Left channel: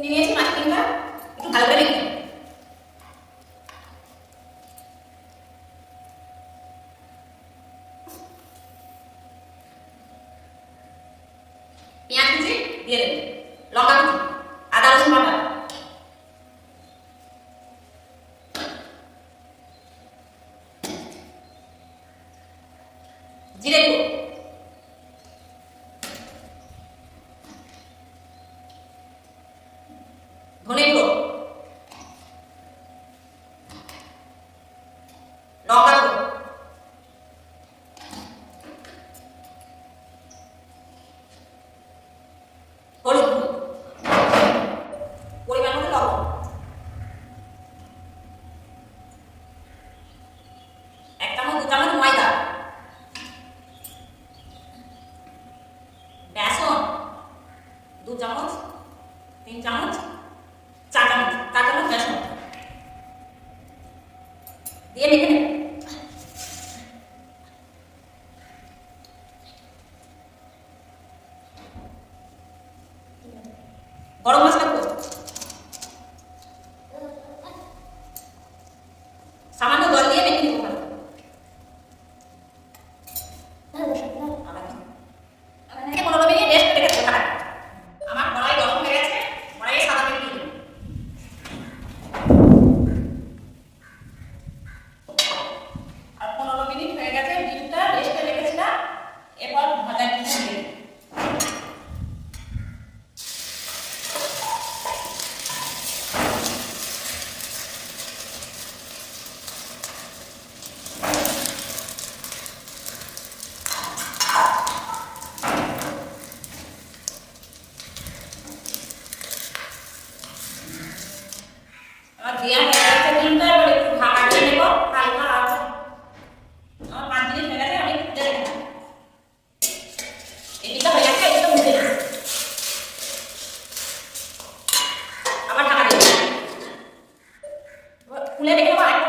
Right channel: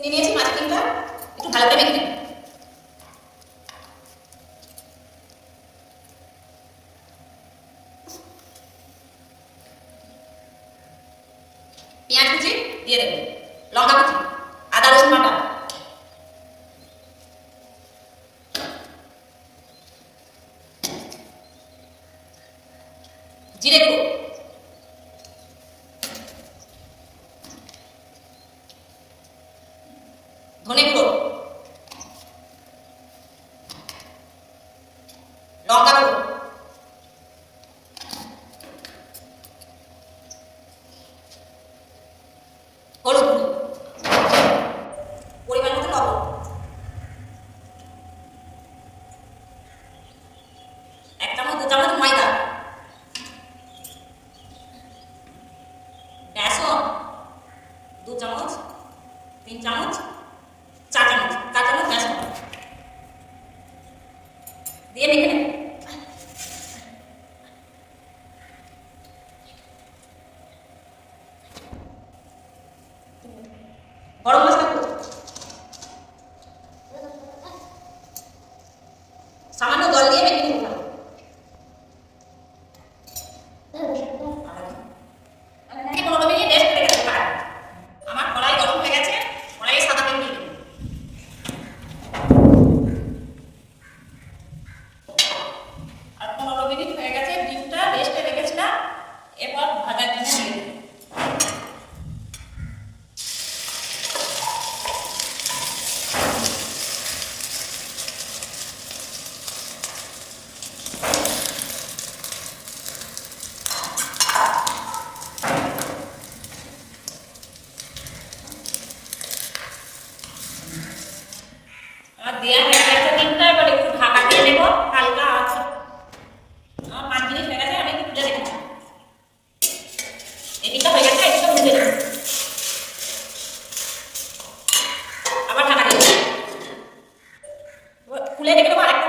নিয়ে নিয়েছি মাছের ডিমটা একটু ভালো করে মেখে নেব। পেঁয়াজ কুচি দিয়ে দেবো, লঙ্কা কুচি, আদা রসুন বাটা, জিরে গুঁড়ো, ধনে গুঁড়ো, লঙ্কা গুঁড়ো, হলুদ গুঁড়ো, পরিমাণ মতো লবণ, এক চামচ 2 চামচ ময়দা, বেসন 2 চামচ, 3 চামচ, 4 চামচ, 4 চামচ বেসন দিয়ে মেখে নেব। গরম মশলা দেবো, সামান্য জল দিয়ে মেখে নেব। ভালো 15 মিনিট রেস্ট রেখে দেবো। আমার কড়াই গরম হয়ে গেছে, কড়াইয়ে সাদা তেল দিয়ে দেবো। আর 15 মিনিট হয়ে গেছে, ডিমটা রেস্টে রেখেছিলাম, এরপর ভাজার জন্য দিয়ে দেবো। আমার দেওয়া হয়ে গেছে ডিমটা, এবার একটু ঢাকা দিয়ে নেব হালকা আছে। আমার 5 মিনিট হয়ে গেছে, আমি একটু খুলে দেখব। এই ডিমটা হয়ে গেছে, এটা উঠে দেব, আবার ঢাকা দিয়ে দেব, খুলে রেখে দেবো।